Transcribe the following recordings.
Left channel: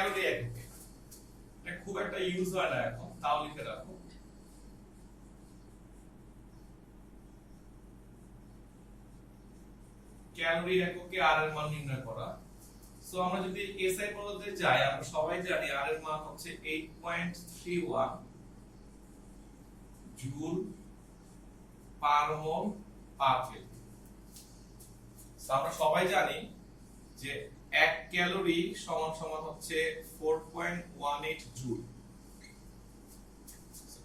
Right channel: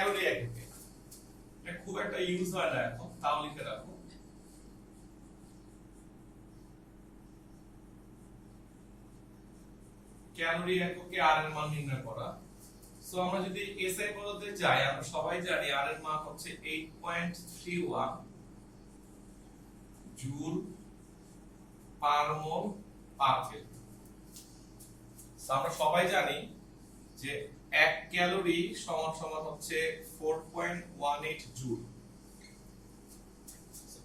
Calorie এককে, এটা খুব একটা ইউজ হয় না এখন, তাও লিখে রাখো। ক্যালোরি এককে আর এর মান নির্ণয় করা। সো আমরা যদি এসআই পদ্ধতিতে যাই, আমরা সবাই জানি আর এর মান হচ্ছে 8.31 জুল পার মোল পার কেলভিন। সো আমরা সবাই জানি যে 1 ক্যালোরি সমান সমান হচ্ছে 4.18 জুল।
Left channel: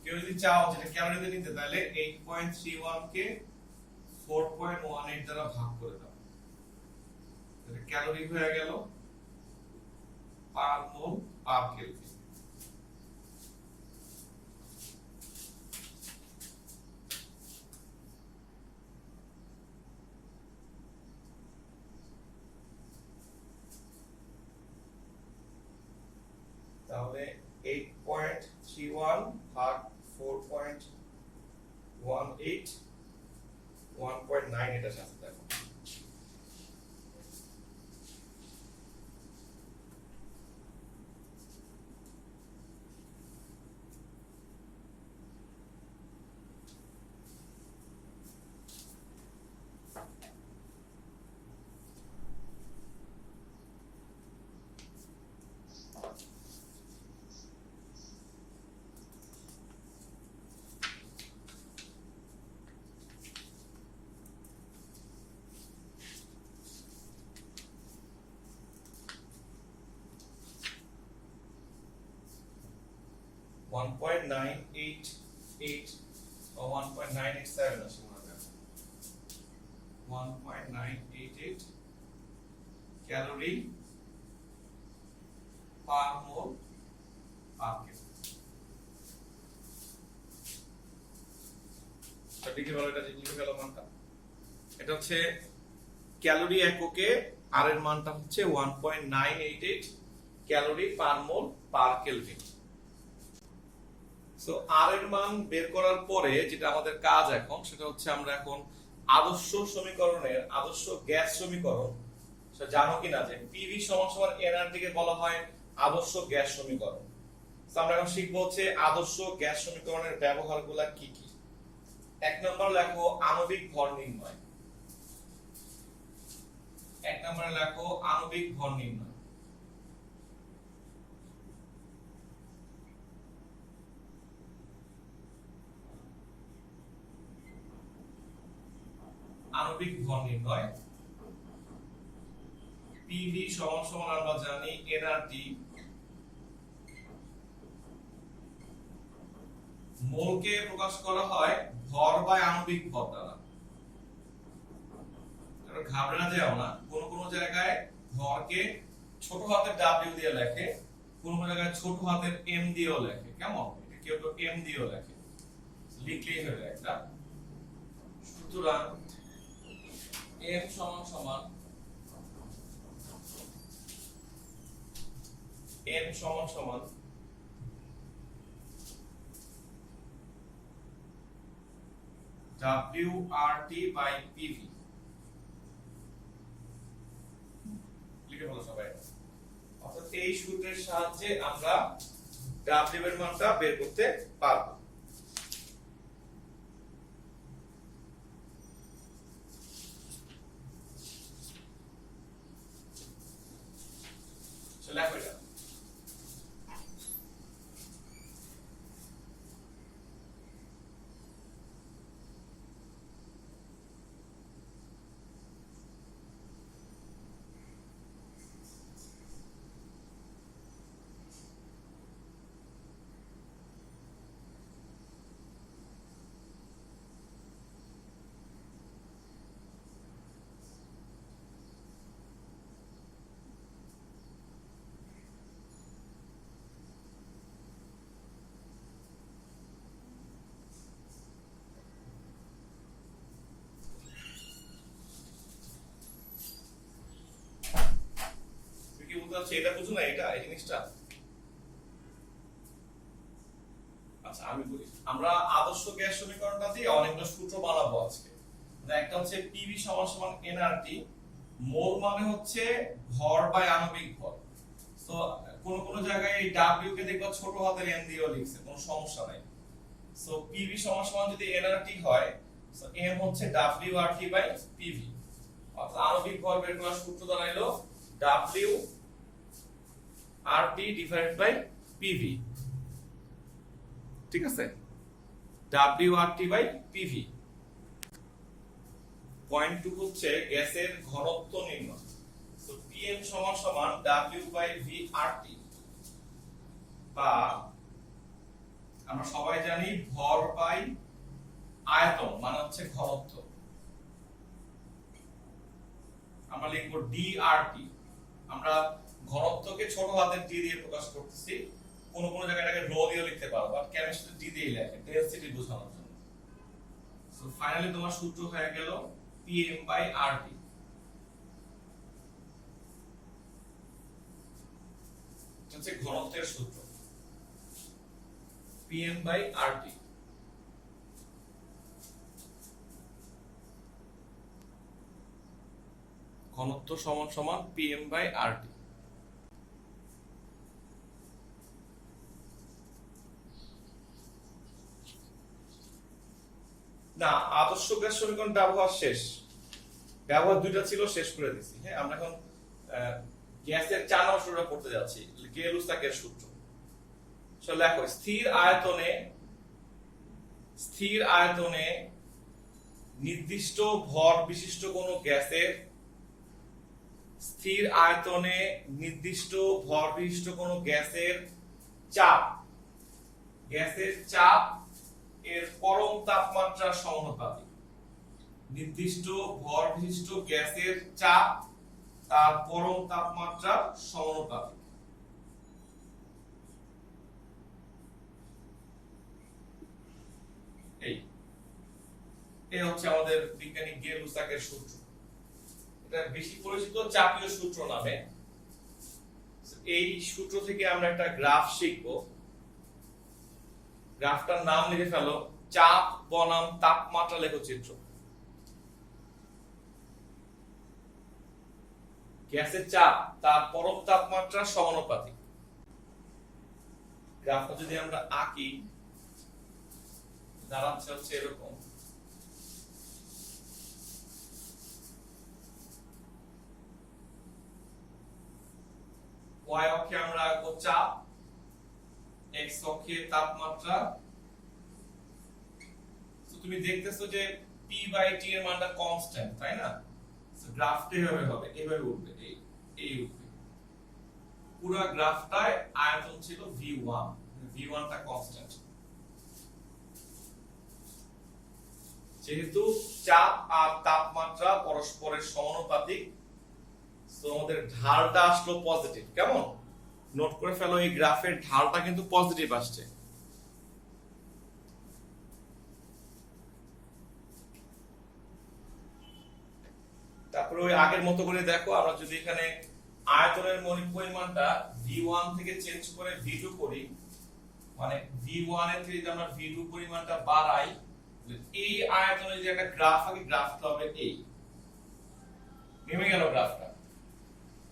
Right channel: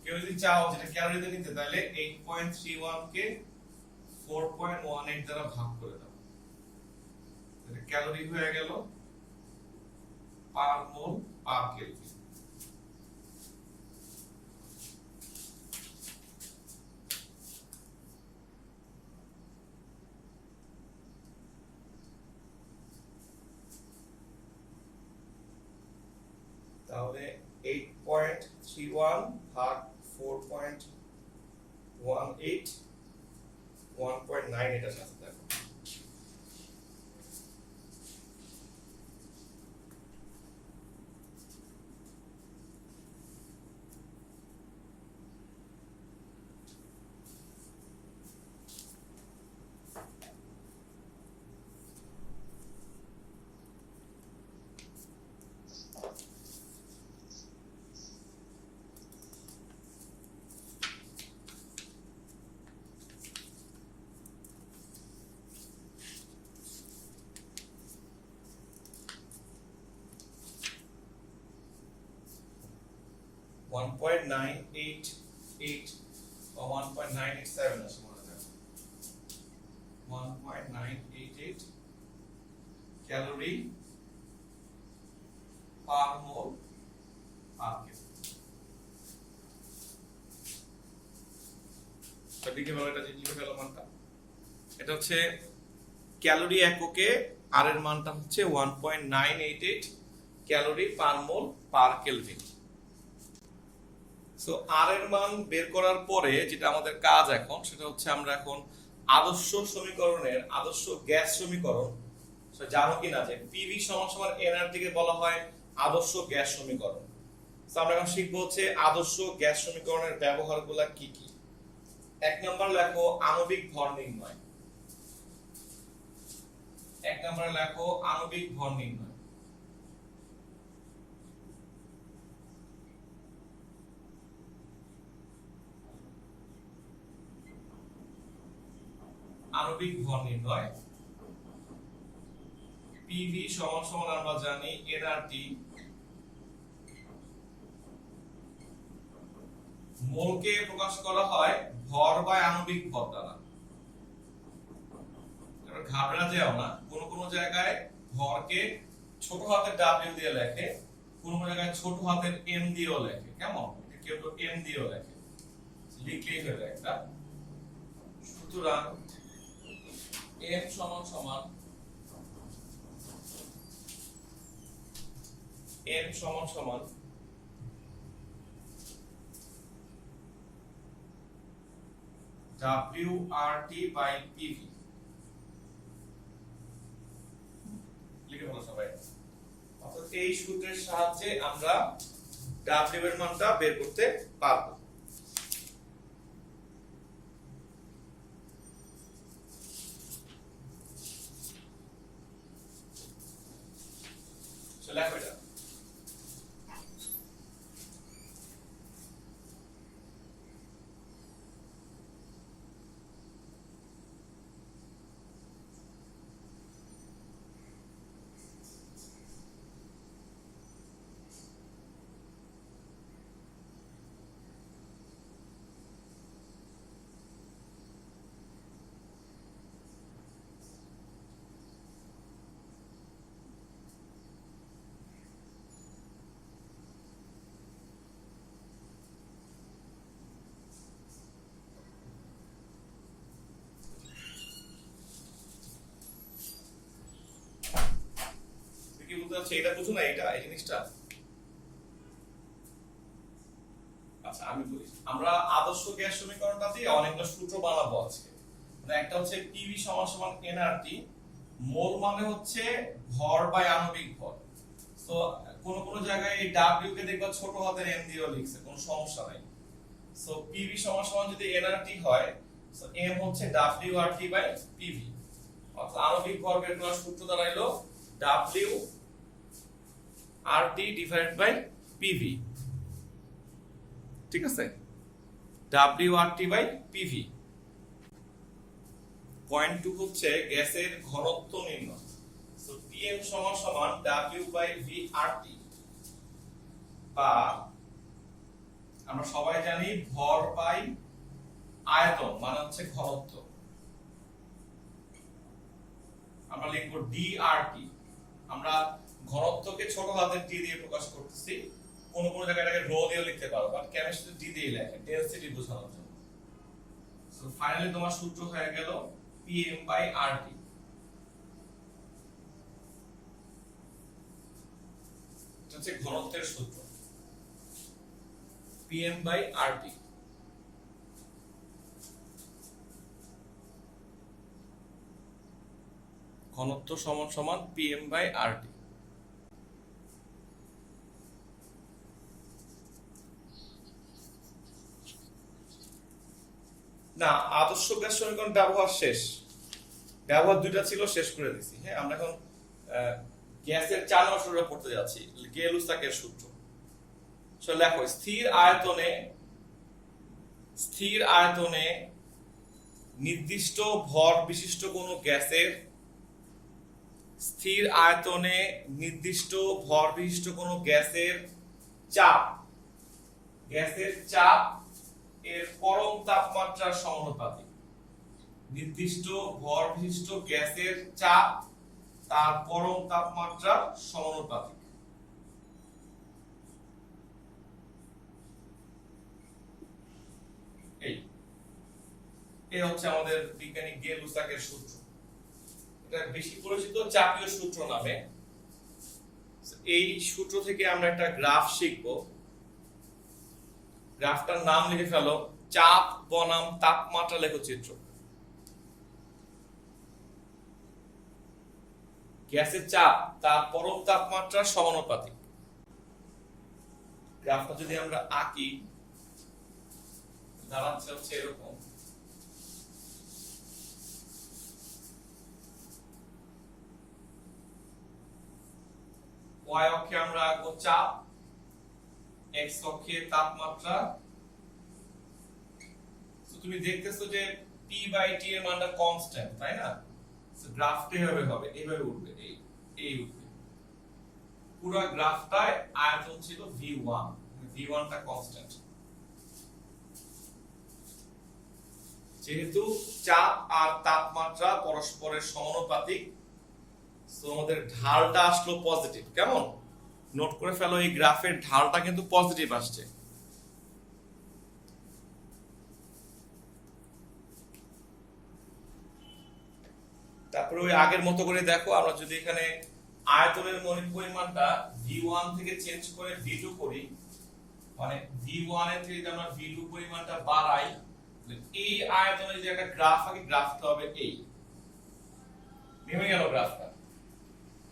কেউ যদি চাও যেটা ক্যালোরিতে নিতে, তাহলে 8.31 কে 4.18 দ্বারা ভাগ করে দাও, তাহলে ক্যালোরি হয়ে গেল পার মোল পার কেলভিন। তাহলে 8.31 ভাগ 4.18 1.9 এটা সাথে দেখো। One point nine eight eight or 1.987 আছে মনে হয় 1.988 ক্যালোরি পার মোল পার কেজি। লিখে বলো, এটা লিখে গেল মানটা। এটা হচ্ছে ক্যালোরি এককে আর এর মানটা হচ্ছে 1.988 ক্যালোরি পার মোল পার কেলভিন। সো আর এর মান বের করার পরে যেটা আমাদের কাজ এখন, সেটা হচ্ছে আমরা এখন আদর্শ সমীকরণের আদর্শ গ্যাস সমীকরণ, সেটা জানো কিনা যে পিভি সমান সমান এনআরটি কে বলা হয় আদর্শ গ্যাস সমীকরণ। সো আমরা এখন শিখবো হচ্ছে আদর্শ গ্যাস সমীকরণের ব্যবহারগুলো কি কি। এক নম্বর লেখো আণবিক ভর নির্ণয়। এক নম্বরে লেখো আণবিক ভর নির্ণয়। আণবিক ভর নির্ণয়, পিভি সমান সমান আমরা জানি এনআরটি, মোলকে প্রকাশ করা হয় ভর বা আণবিক ভর দ্বারা। ঘাবড়া যেও না, কোন কোন জায়গায় ভরকে ছোট হাতের ডাব্লিউ দিয়ে লেখে, কোন কোন জায়গায় ছোট হাতের এম দিয়েও লেখে। কেমন? কেউ তো এম দিয়েও লেখে, লিখলেই হয়ে যায় এটা। সুতরাং এম সমান সমান এম সমান সমান WRT বাই PV। লিখে ফেলো সবাই। অর্থাৎ এই সূত্রের সাহায্যে আমরা W এর মানটা বের করতে পারবো। লেখো এটা। এটা বুঝো না, এটা এই জিনিসটা। আচ্ছা আমি বলি, আমরা আদর্শ গ্যাস সমীকরণটাতে অনেকটা সূত্র বানাবো আজকে। একটা হচ্ছে পিভি সমান সমান এনআরটি, মোল মানে হচ্ছে ভর বাই আণবিক ভর। তো কোন কোন জায়গায় এই w কে দেখবা ছোট হাতের n দিয়েও লিখছে, কোনো সমস্যা নাই। সো pv সমান সমান যদি nrt হয়, সো m হচ্ছে wrt বাই pv, অর্থাৎ আণবিক ভর বের করার সূত্র দাঁড়াইলো wrt ডিভাইডেড বাই pv। ঠিক আছে, wrt বাই pv। পয়েন্ট 2 হচ্ছে গ্যাসের ঘনত্ব নির্ণয়। সো pm সমান সমান w বাই vrt, বা আমরা সবাই জানি ভর বাই আয়তন মানে হচ্ছে ঘনত্ব। আমরা লিখব drt। আমরা ঘনত্বকে ছোট হাতের d দিয়ে প্রকাশ করতেছি, কোন কোন জায়গায় এটাকে রো দিয়ে লিখতে পারো, বাট কেমিস্ট্রি d দিয়ে লেখে ডেনসিটি বোঝানোর জন্য। সো ফাইনালি তোমার সূত্র হয়ে গেল pm বাই rt। এটা হচ্ছে ঘনত্বের সূত্র, pm বাই rt। ঘনত্ব সমান সমান pm বাই rt। না, আদর্শ গ্যাস সমীকরণ ব্যবহার শেষ, ব্যবহার দুইটা ছিল, শেষ করে দিছি। হ্যাঁ, আমরা এখন গ্যাসের 4 নম্বর সূত্রটা পড়তে যাচ্ছি, গেলুসাকের সূত্র। লেখো, স্থির আয়তনে নির্দিষ্ট ভর বিশিষ্ট কোন গ্যাসের, স্থির আয়তনে নির্দিষ্ট ভর বিশিষ্ট কোন গ্যাসের চাপ, গ্যাসের চাপ এর পরম তাপমাত্রার সমানুপাতিক। নির্দিষ্ট ভর বিশিষ্ট গ্যাসের চাপ তার পরম তাপমাত্রার সমানুপাতিক। এই হচ্ছে আমাদের বিজ্ঞানী গেলুসাকের সূত্র। এটা বেশি পরিচিত চাপীয় সূত্র নামে। এই সূত্র থেকে আমরা একটা গ্রাফ শিখব। গ্রাফটার নাম লিখে ফেলো চাপ বনাম তাপমাত্রা লেখচিত্র। গ্যাসের চাপ তার পরম তাপমাত্রার সমানুপাতিক। গ্রাফটা যদি আমরা আঁকি, দাঁড়াচ্ছে হচ্ছে এরকম। y অক্ষে আমরা আঁকবো চাপ, x অক্ষে তাপমাত্রা। তো তুমি দেখতেছো যে p বাই t এর মানটা কনস্ট্যান্ট, তাই না? সো গ্রাফটা হবে এইভাবে উঠবে, এই উঠবে। পুরো গ্রাফটায় আয়তন ছিল v1, v1 টা কনস্ট্যান্ট। যেহেতু চাপ আর তাপমাত্রা পরস্পরের সমানুপাতিক, সো আমাদের ঢালটা আসলো পজিটিভ। কেমন? নোট করে ফেলো, এই গ্রাফের ঢালটা কিন্তু পজিটিভ আসছে। তারপরে ওই আগের মতো করে দেখো, আমরা যদি এখানে আয়তনের পরিমাণটা v1 থেকে চেঞ্জ করে v2 করি, মানে v1 এর থেকে যদি আমরা v2 পরিমাণটা বাড়াই, এই আয়তনে যদি একটা গ্রাফ আঁকি, গ্রাফটা হবে এই। নেমে গেল গ্রাফটা।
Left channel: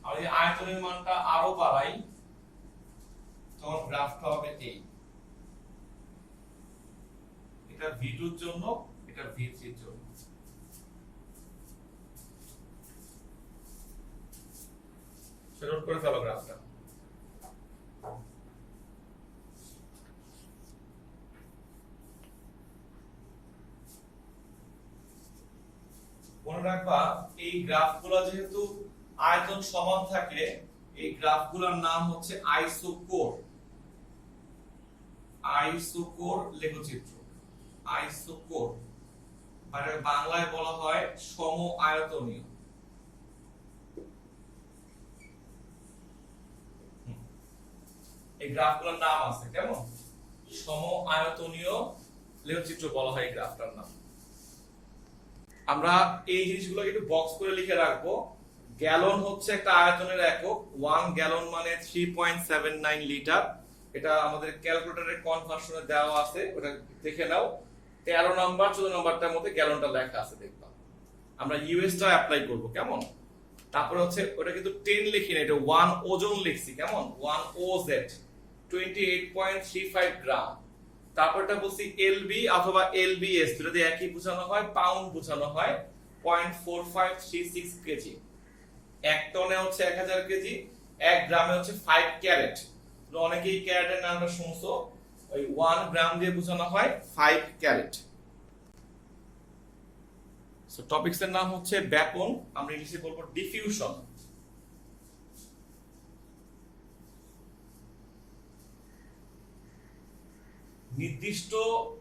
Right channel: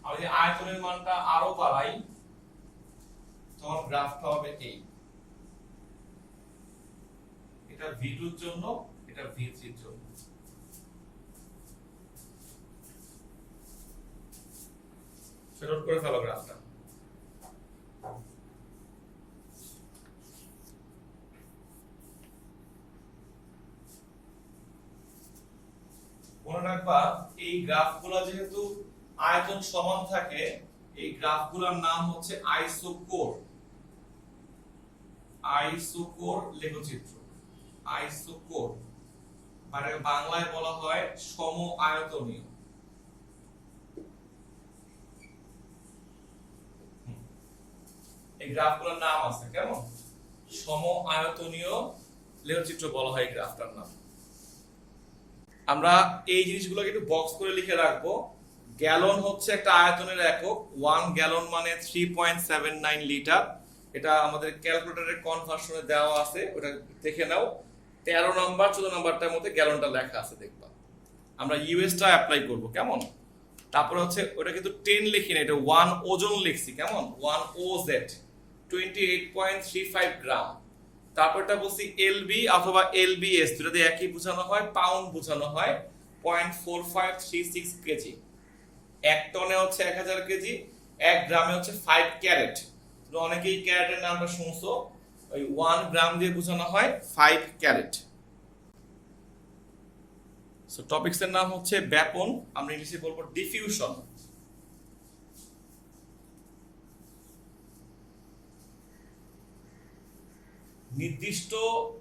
আর যদি আয়তনের মানটা আরো বাড়াই, তখন গ্রাফটা হবে এই। এটা v2 এর জন্য, এটা v3 এর জন্য। নোট করে ফেলো গ্রাফটা। মনে রাখবা, এই গ্রাফগুলো যেহেতু আয়তন সমান থাকে, এই গ্রাফগুলোর নাম হচ্ছে আইসোকোর। আইসোকোর লেখচিত্র, আইসোকোর মানে বাংলায় বলা হয় সম আয়তনীয়। এই গ্রাফগুলোর নাম আছে, কেমন? সম আয়তনীয় লেখচিত্র বলা হয় এই গ্রাফটার নাম। আমরা এই জিনিসগুলোকে একটু বক্স করে লিখে রাখবো। গ্যালন হচ্ছে একটা আয়তনের একক। 1 গ্যালন মানে 3.79 লিটার। এটা আমাদের ক্যালকুলেটরের কনভার্সনে দেওয়া আছে, ওটা দেখে নাও। 13 নাম্বার 14 নাম্বারটার মধ্যে গ্যালনটা লেখা আছে, দেখবা। আমরা ইউএসটা অ্যাপ্লাই করব, কেমন? তারপরে হচ্ছে ওটা কিন্তু 10 লিখি না, এটা 1 ওজন লিখছি, কেমন 1 ওজেড 28.35 গ্রাম। তারপরটা বলছি এলবি অথবা এলবিএস, দুটো দিয়ে একই বোঝানো হয়, পাউন্ড বোঝানো হয়, 0.4536 কেজি। 1 টনে হচ্ছে 1000 কেজি, 1 গ্রামে হচ্ছে 5 ক্যারেট। তো অনেকেই ক্যারেটের নামটা শুনছো, ওই 1 গ্রাম দিয়ে বোঝানো হয় 5 ক্যারেট। সো টপিকস এর নাম হচ্ছে ব্যাপন, আমরা ইংলিশে বলবো ডিফিউশন। নির্দিষ্ট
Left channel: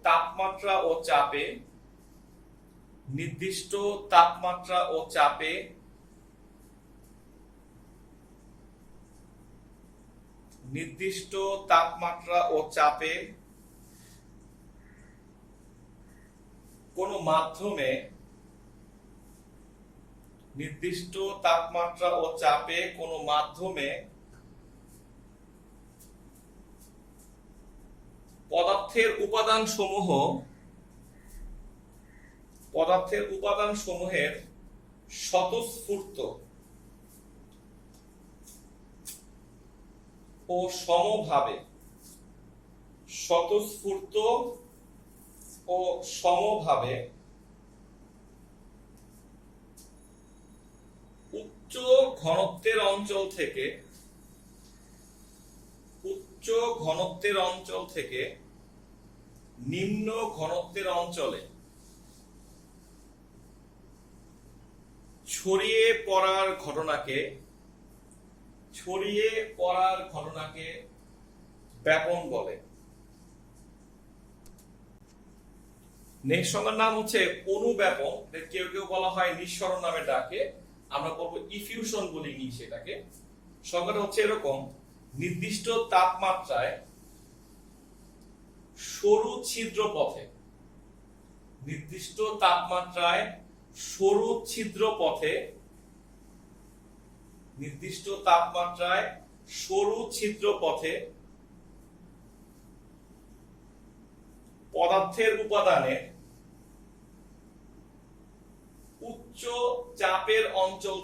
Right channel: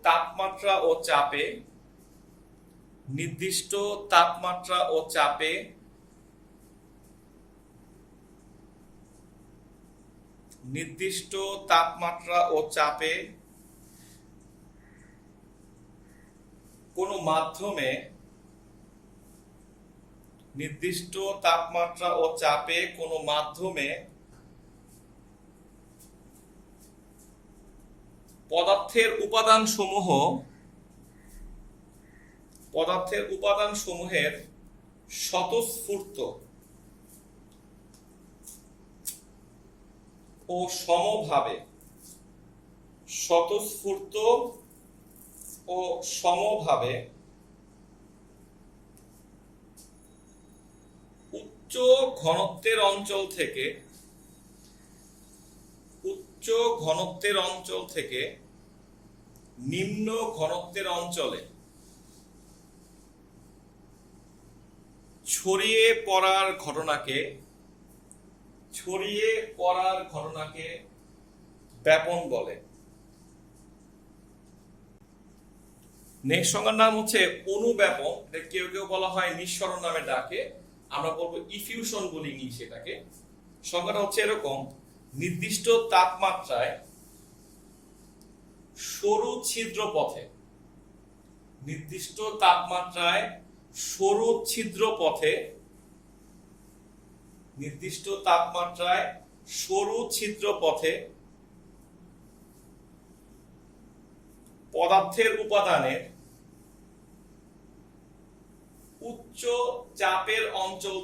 তাপমাত্রা ও চাপে, নির্দিষ্ট তাপমাত্রা ও চাপে নির্দিষ্ট তাপমাত্রা ও চাপে কোনো মাধ্যমে, নির্দিষ্ট তাপমাত্রা ও চাপে কোনো মাধ্যমে পদার্থের উপাদানসমূহের স্বতঃস্ফূর্ত ও সমভাবে উচ্চ ঘনত্বের অঞ্চল থেকে নিম্ন ঘনত্বের অঞ্চলে ছড়িয়ে পড়ার ঘটনাকে ব্যাপন বলে। নেক্সট সংজ্ঞার নাম হচ্ছে অনুব্যাপন। কেউ কেউ বলা হয় নিঃসরণ নামে ডাকে, আমরা বলবো ইফিউশন বলি ইংলিশে এটাকে। সংজ্ঞাটা হচ্ছে এরকম: নির্দিষ্ট তাপমাত্রায় সরু ছিদ্র পথে, নির্দিষ্ট তাপমাত্রায় সরু ছিদ্র পথে, নির্দিষ্ট তাপমাত্রায় সরু ছিদ্র পথে পদার্থের উপাদানের উচ্চ চাপের অঞ্চল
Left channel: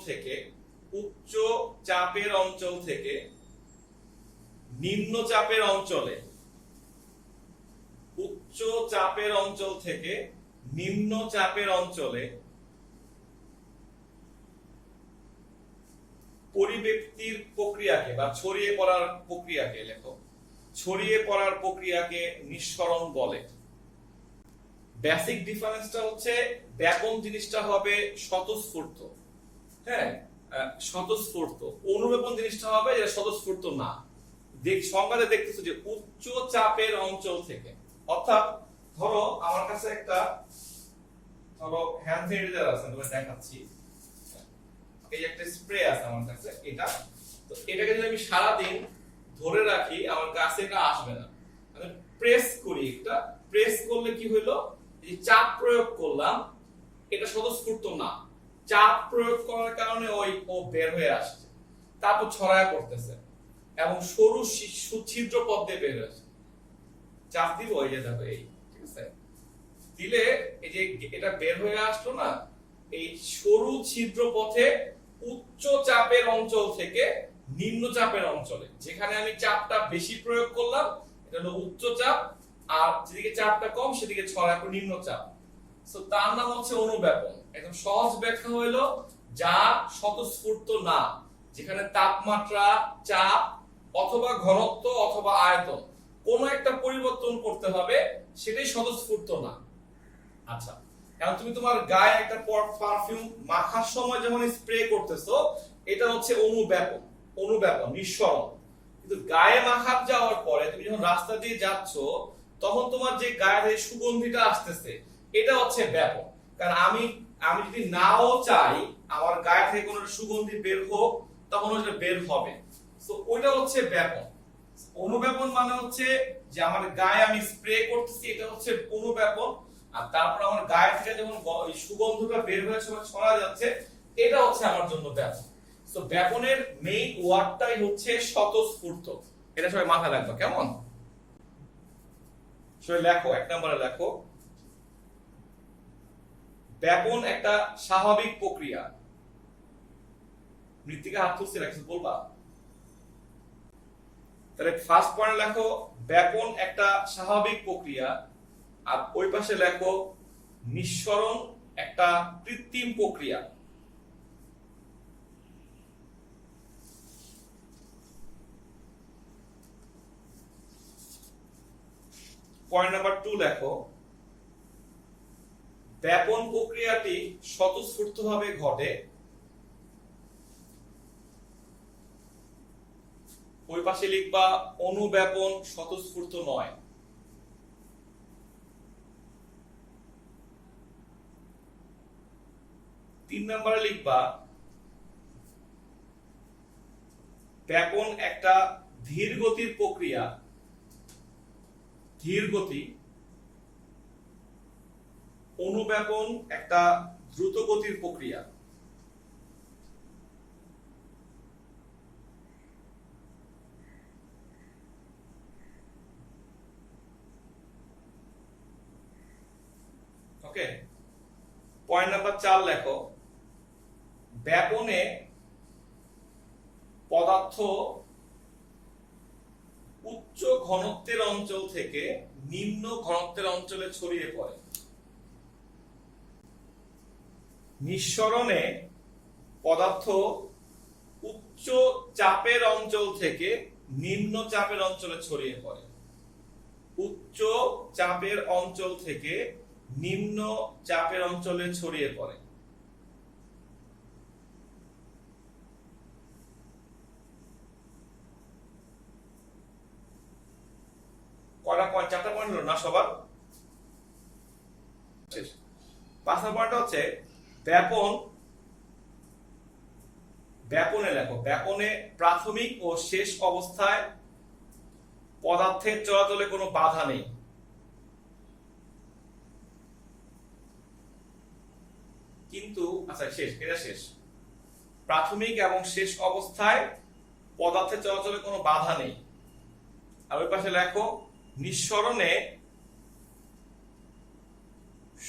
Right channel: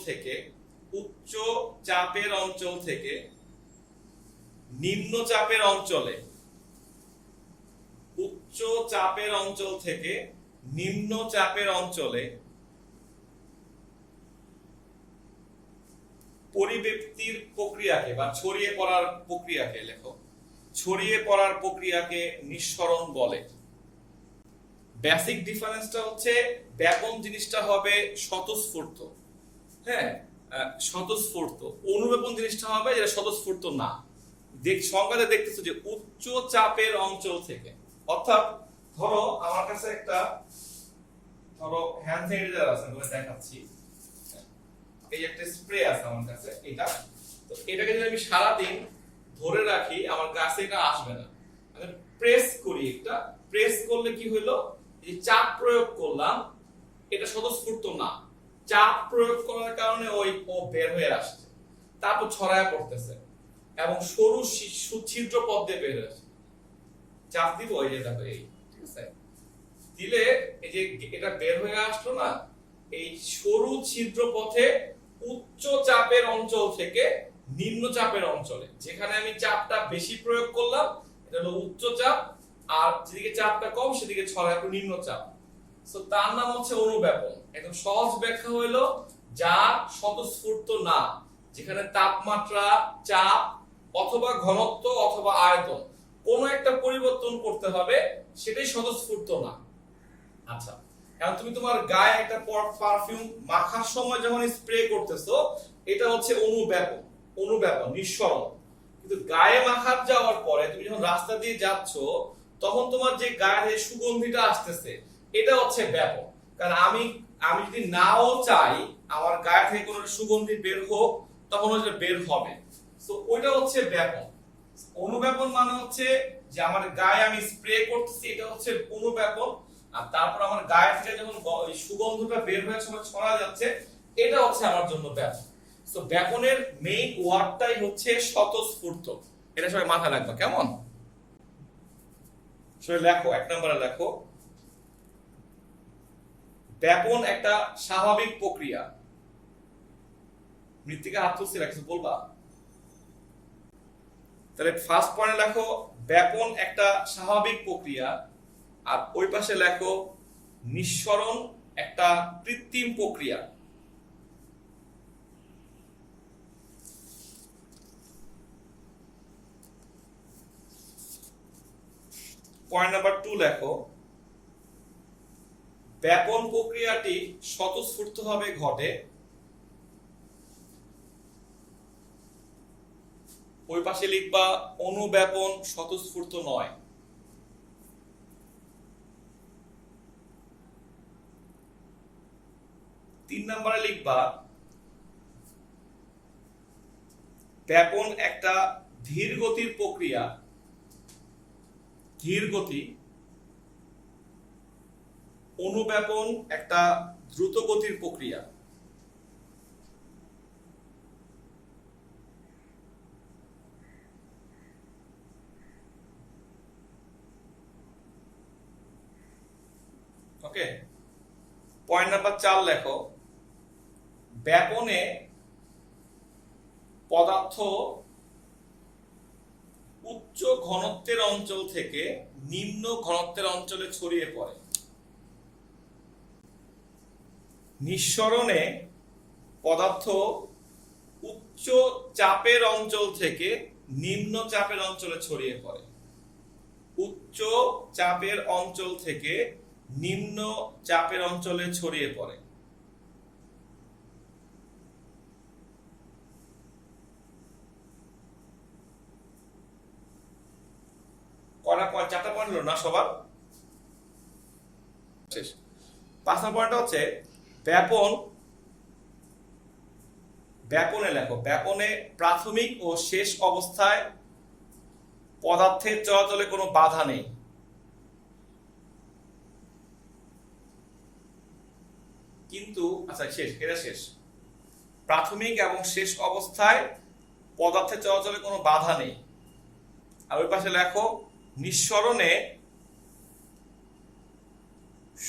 থেকে নিম্ন চাপের অঞ্চলে, উচ্চ চাপের অঞ্চল থেকে নিম্ন চাপের অঞ্চলে পরিব্যক্তির প্রক্রিয়াকে বা ছড়িয়ে পড়ার প্রক্রিয়াকে, লেখো, ছড়িয়ে পড়ার প্রক্রিয়াকে নিঃসরণ বলে। বেসিক ডিফারেন্সটা হচ্ছে ব্যাপন জিনিসটা হবে স্বতঃস্ফূর্ত, হ্যাঁ স্বতঃস্ফূর্ত। অনুব্যাপন জিনিসটা হবে যেটা স্বতঃস্ফূর্ত না। সংজ্ঞাতে দেখতেছো যে উচ্চ চাপের অঞ্চল থেকে, অর্থাৎ ধরো আমার কাছে একটা হ্যান্ড স্যানিটাইজার আছে, আমি দেখাচ্ছি, এই একটা স্প্রে আছে আমার কাছে, এটা তো এটাকে যদি আমি সারা দিন ধরে রাখি আমার কাছে এটা আসবে না। আমি প্রেস করি, একটা প্রেস করলে কি হলো, এই চাপ প্রয়োগ করলাম, এটা স্বতঃস্ফূর্ত না, চাপ প্রয়োগ করার কারণে ও বের হয়ে আসছে, তারপর ছড়ায় পড়তেছে এবং সরু ছিদ্র পথ দিয়ে বের হয়ে আসছে। চাপ দিব, ওই যে দেখো এই, ঠিক আছে, দিলে এই যে এটা বের হয়ে আসলো না, এই সরু ছিদ্র পথে উচ্চ চাপের অঞ্চল থেকে নিম্ন চাপের অঞ্চলে, যেখানে আমি চাপটা বেশি প্রয়োগ করলাম এটা হলো উচ্চ চাপ, আর যেদিকে চাপটা কম সেদিকে ছড়ায় নিম্ন চাপ। সো তার নাম হচ্ছে অনুব্যাপন। একদম সহজ ব্যাখ্যা হইলো যা স্বতঃস্ফূর্ত না, যেখানে তাপমাত্রা, চাপ অথবা ঘনত্ব অথবা আয়তন কোনো একটা পরিবর্তন করতে হবে, সেটাই স্বতঃস্ফূর্ত না। আচ্ছা, এখন তুমি তোমার গায়ে একটা পারফিউম মাখার সময় যখন স্প্রে করতেছো, এটা হচ্ছে অনুব্যাপন নিঃসরণ। কিন্তু গায়ে মাখার যাওয়ার পরে তুমি যখন রাস্তা দিয়ে যাচ্ছ, তখন তোমার যে গায়ে সুগন্ধিটা আসতেছে, এটা হচ্ছে ব্যাপন। কারণ আমি যদি নাও চাই আমার গায়ে থেকে কোনো সুগন্ধি বের হোক, তখন ওটা বের হবে। সো ওইটা হচ্ছে ব্যাপন। অনুব্যাপন মানে হচ্ছে যে আমার গায়ে আমি স্প্রে করতেছি, এটা হচ্ছে অনুব্যাপন। আর তারপর আমার গায়ে থেকে যখন সুগন্ধটা বের হয়ে ছড়া যাচ্ছে, এটা হচ্ছে আমার জন্য ব্যাপন। সো ব্যাপনের মেইন ওয়ার্ডটাই হচ্ছে স্বতঃস্ফূর্ত। এটা সবাই মাথায় রাখবে, কেমন? সবাই লেখো, 1 নম্বরে লেখো, ব্যাপন একটা স্বাভাবিক প্রক্রিয়া। মৃত্তিকা হাত তুলছে কিছু বলবা? তাহলে ফার্স্ট পয়েন্ট লেখো ব্যাপন একটা স্বাভাবিক প্রক্রিয়া, আর ওই পাশে লেখো নিঃসরণ একটা কৃত্রিম প্রক্রিয়া। পয়েন্ট নাম্বার 2 লেখো ব্যাপন প্রক্রিয়াটি স্বতঃস্ফূর্তভাবে ঘটে। ওই পাশে লিখবা অনুব্যাপন স্বতঃস্ফূর্ত নয়। তিন নম্বরে লিখবা ব্যাপন একটা ধীর গতির প্রক্রিয়া, ধীর গতি। অনুব্যাপন একটা দ্রুত গতির প্রক্রিয়া। ওকে, পয়েন্ট নাম্বার 4 লেখো ব্যাপনে পদার্থ উচ্চ ঘনত্বের অঞ্চল থেকে নিম্ন ঘনত্বের অঞ্চলে ছড়িয়ে পড়ে। নিঃসরণে পদার্থ উচ্চ চাপের অঞ্চল থেকে নিম্ন চাপের অঞ্চলে ছড়িয়ে পড়ে। উচ্চ চাপের অঞ্চল থেকে নিম্ন চাপের অঞ্চলে ছড়িয়ে পড়ে। চারটা পয়েন্ট হলো না সবার? শেষ। 5 নম্বর পয়েন্ট হচ্ছে ব্যাপন। ব্যাপনে লেখো ব্যাপনে প্রাথমিক ও শেষ অবস্থায় পদার্থের চলাচলে কোনো বাধা নেই। কিন্তু আচ্ছা শেষ, এটা শেষ। প্রাথমিক এবং শেষ অবস্থায় পদার্থের চলাচলে কোনো বাধা নেই। আর ওই পাশে লেখো নিঃসরণে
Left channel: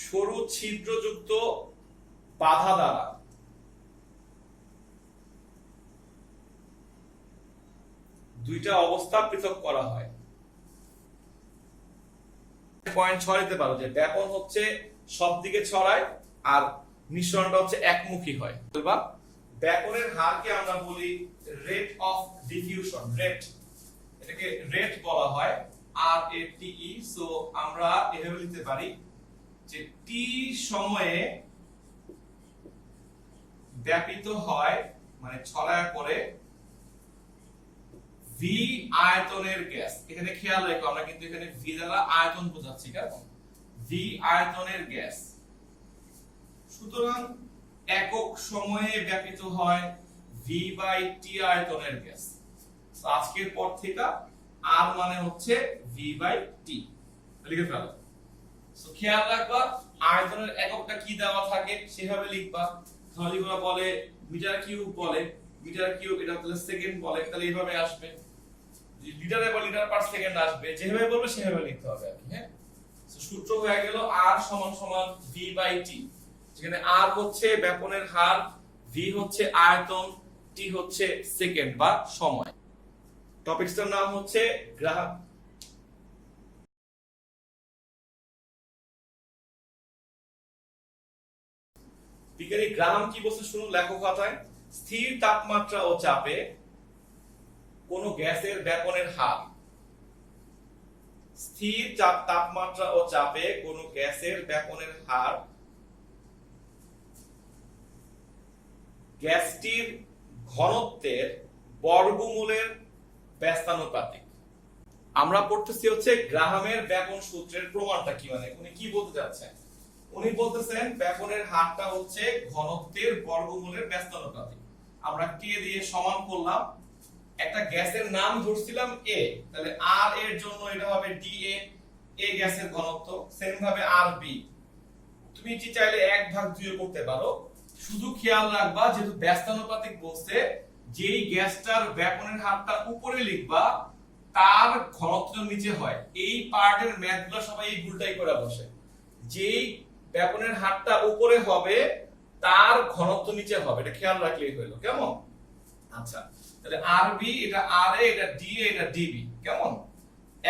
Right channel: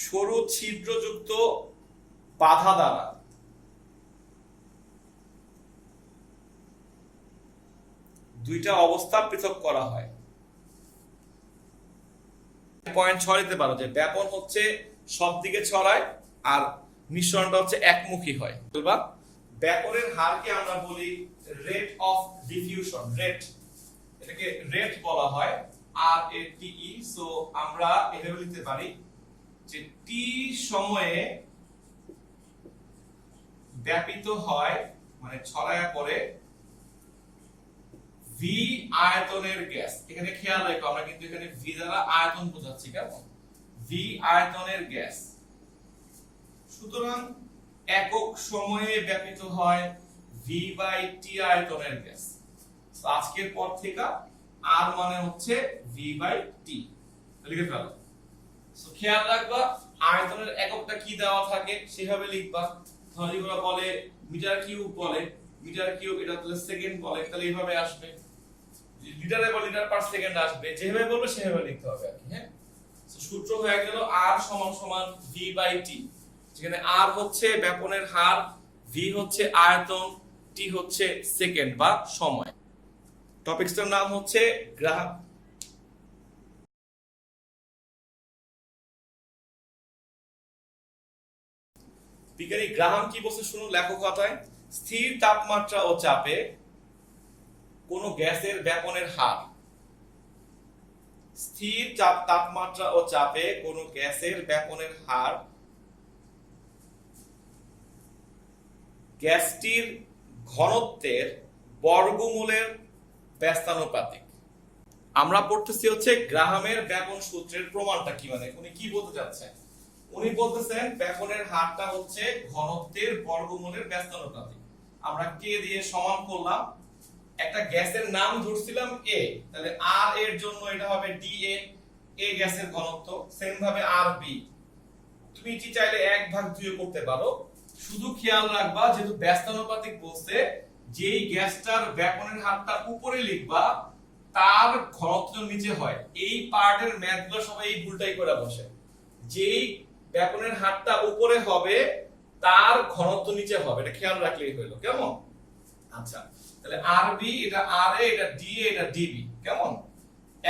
সরু ছিদ্রযুক্ত বাধা দ্বারা দুইটা অবস্থা পৃথক করা হয়। পয়েন্ট 6 দিতে পারো যে ব্যাপন হচ্ছে সব দিকে ছড়ায় আর নিঃসরণটা হচ্ছে একমুখী হয়। বলবা ব্যাপনের হারকে আমরা বলি রেট অফ ডিফিউশন। রেট, এটাকে রেট বলা হয়, আর এ টি ই। সো আমরা এভাবে লিখতে পারি যে টি সময়ে ব্যাপিত হয় মানে ছড়ায় পড়ে ভি আয়তনের গ্যাস। এখানে খেয়াল রাখো আমরা কিন্তু এখানে ভি দ্বারা আয়তন বোঝাচ্ছি, কেমন? ভি আয়তনের গ্যাস। সুতরাং একক সময়ে ব্যাপিত হয় ভি বাই টি আয়তনের গ্যাস। আজকের পর থেকে আর মানে হচ্ছে ভি বাই টি লিখে ফেলো। সো খেয়াল রাখবা আয়তনের এককটা কি দেওয়া থাকে সেভাবে লিখবা। তাহলে যেগুলো বলে মিটার কিউব বলে, মিটার কিউব এটা তাহলে সেকেন্ড বলে, তাহলে এইভাবে আসবে। লিটারে বলে লিটার পার সেকেন্ড আসবে, যেভাবে বলবে সেভাবে লিখতে হবে আর কি। হ্যাঁ, সো সূত্র হয়ে গেল আর সমান সমান ভি বাই টি, যেখানে আর হচ্ছে ব্যাপনের হার, ভি হচ্ছে আয়তন, টি হচ্ছে সেকেন্ড বা সময়। টপিকসটার নাম হচ্ছে গ্রাহাম। বিজ্ঞানী গ্রাহাম কি বলছে শুনুন লেখো খাতায়। স্থির তাপমাত্রা ও চাপে কোন গ্যাসের ব্যাপনের হার। স্থির তাপমাত্রা ও চাপে কোন গ্যাসের ব্যাপনের হার গ্যাসটির ঘনত্বের বর্গমূলের ব্যস্তানুপাতিক। আমরা পড়তেছি হচ্ছে গ্রাহামের ব্যাপন সূত্রের প্রমাণটা কি, মানে উনি কি বলতে চাচ্ছেন। উনি বলতেছেন ব্যাপনের হারটা হচ্ছে ঘনত্বের বর্গমূলের ব্যস্তানুপাতিক। আমরা কে দিয়ে সমান করলাম, একটা গ্যাসের নাম ধরছিলাম এ, তাহলে আর এর জন্য এটা হবে ডি এ, এ গ্যাসের ঘনত্ব। সেম ভাবে আর বি তুমি কি চাইলে 1/2 করতে পারো। শুধু খেয়াল রাখবা যেহেতু ব্যস্তানুপাতিক বলছে, যেই গ্যাসটার ব্যাপনের হারটা উপরে লিখবা তার ঘনত্ব নিচে হয়। এই পার্টের ম্যাথগুলো সবাই এই ভুলটাই করে বসে। যেই ব্যাপনের হারটা উপরে হবে তার ঘনত্ব নিচে হবে, এটা খেয়াল রাখলেই হলো। কেমন? আচ্ছা, তাহলে আরবি এটা আরএ, এটা ডিএ, এটা ডিবি। কেমন?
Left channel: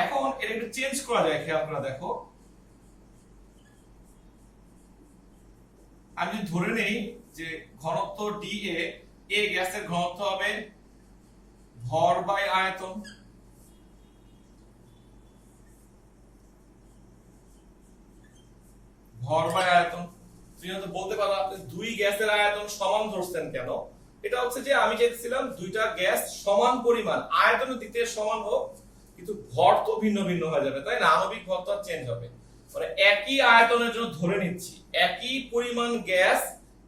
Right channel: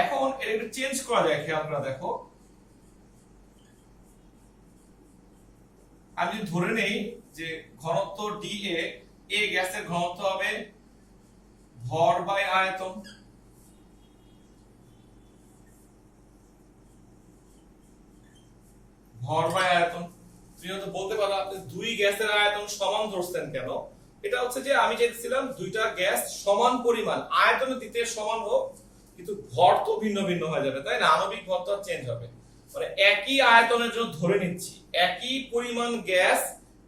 এখন এটা একটু চেঞ্জ করা যায়, খেয়াল করে দেখো। আমি যদি ধরে নেই যে ঘনত্ব ডিএ, এ গ্যাসের ঘনত্ব হবে ভর বাই আয়তন। ভর বাই আয়তন। তুমি হয়তো বলতে পারো আপনি দুই গ্যাসের আয়তন সমান ধরছেন কেন? এটা হচ্ছে যে আমি চাইছিলাম দুইটা গ্যাস সমান পরিমাণ আয়তনের দিক থেকে সমান হোক, কিন্তু ভর তো ভিন্ন ভিন্ন হয়ে যাবে, তাই না? আণবিক ভর তো চেঞ্জ হবে। মানে একই আয়তনের জন্য ধরে নিচ্ছি একই পরিমাণ গ্যাস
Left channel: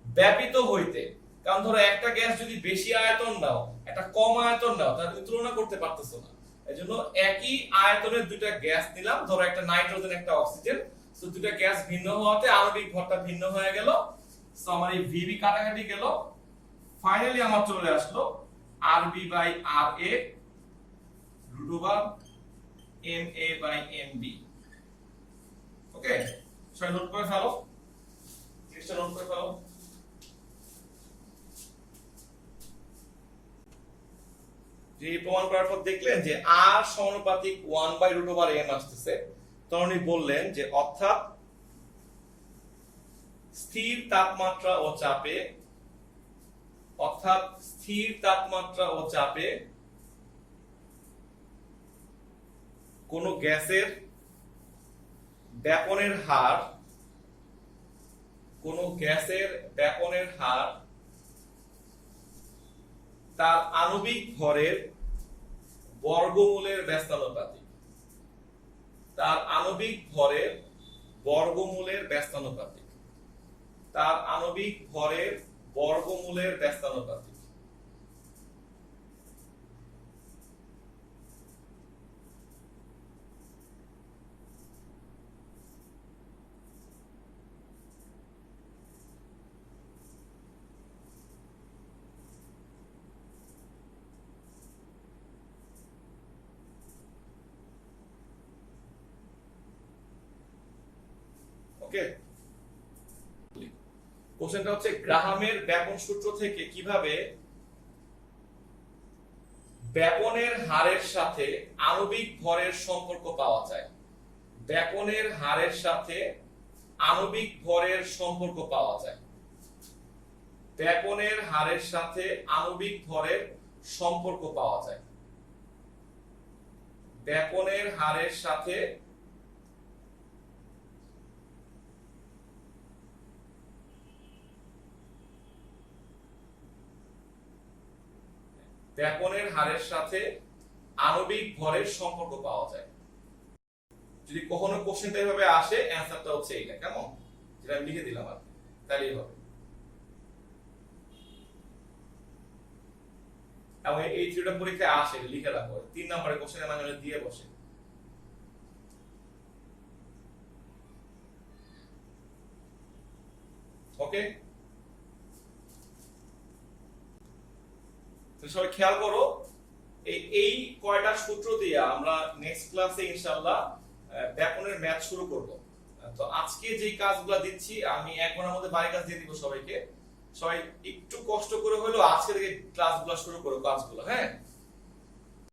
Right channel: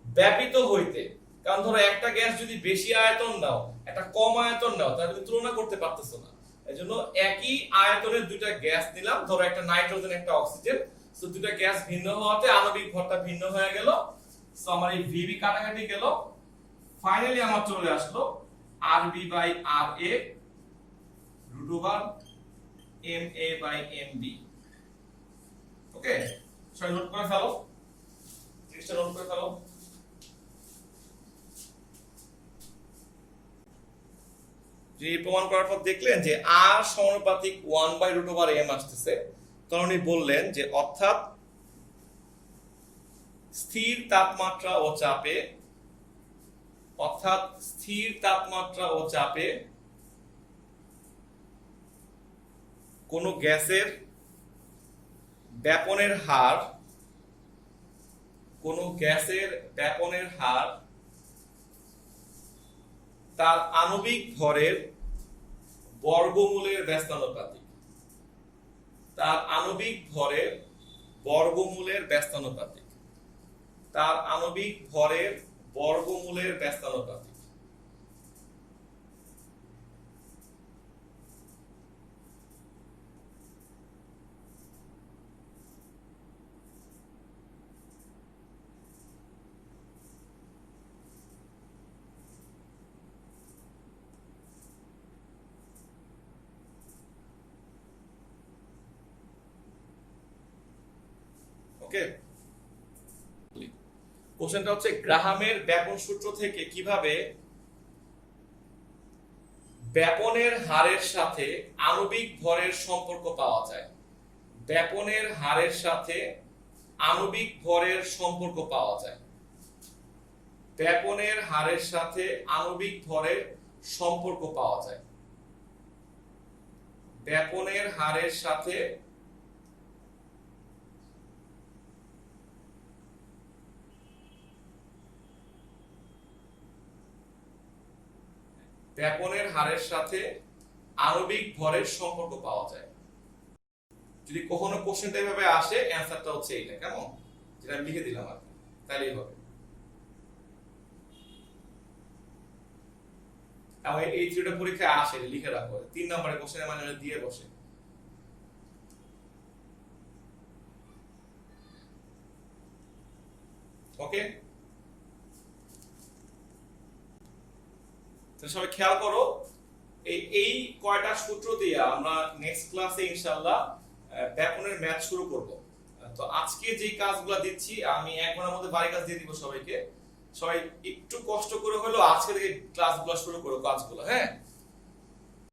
ব্যাপিত হইতে, কারণ ধরো একটা গ্যাস যদি বেশি আয়তন নাও, একটা কম আয়তন নাও, তাহলে তুমি তুলনা করতে পারতেছো না। এজন্য একই আয়তনের দুইটা গ্যাস নিলাম, ধরো একটা নাইট্রোজেন, একটা অক্সিজেন। সো দুটো গ্যাস ভিন্ন হওয়াতে আণবিক ভরটা ভিন্ন হয়ে গেল। সো আমার এই ভিবি কাটাকাটি গেল। ফাইনালি আমার চলে আসলো RB by RA root over MA by MB. Okay, সবাই নোট করে ফেলো, জিনিসটা নোট করে ফেলো। যে প্রমাণ করার পর দেখলেন যে আর সমানুপাতিক 1 বাই রুট ওভার এম আসতেছে, তখন উনি বললেন যে অর্থাৎ স্থির তাপমাত্রা ও চাপে, অর্থাৎ স্থির তাপমাত্রা ও চাপে কোন গ্যাসের ব্যাপনের হার, কোন গ্যাসের ব্যাপনের হার তার আণবিক ভরের বর্গমূলের ব্যস্তানুপাতিক। তার আণবিক ভরের বর্গমূলের ব্যস্তানুপাতিক। তার আণবিক ভরের বর্গমূলের ব্যস্তানুপাতিক। ওকে, কোশ্চেনটা হচ্ছে গ্রাহামের ব্যাপন সূত্র থেকে কিভাবে ব্যাপনের হারের সাথে আণবিক ভরের সম্পর্ক পাওয়া যায়। ব্যাপনের হারের সাথে আণবিক ভরের সম্পর্ক পাওয়া যায়। ব্যাপনের হারের সাথে আণবিক ভরের সম্পর্ক পাওয়া যায়। ব্যাপনের হারের সাথে ব্যাপনের হারের সাথে আণবিক ভরের সম্পর্ক পাওয়া যায়। যদি কখনো কোশ্চেনটা এইভাবে আসে, অ্যানসারটা হচ্ছে এইটা। কেমন? যেটা আমি লিখে দিলাম আপনি, তাহলেই হবে। এবং এই থিওরিটা পরীক্ষায় আসে, লিখে রাখো, 3 নম্বরের কোশ্চেনের মানে দিয়ে বসে। ওকে, তো সবাই খেয়াল করো, এই কয়টা সূত্র দিয়ে আমরা নেক্সট ক্লাসে ইনশাআল্লাহ ব্যাপনের ম্যাথ শুরু করব। তো আজকে যে কাজগুলো দিচ্ছি আমি 1 ঘন্টার মধ্যে বাড়ি কাজ দিয়ে দিব সবাইকে। সবাই একটু কষ্ট করে হলেও আজকে থেকে ক্লাসগুলো শুরু করো, কাজগুলো। হ্যাঁ,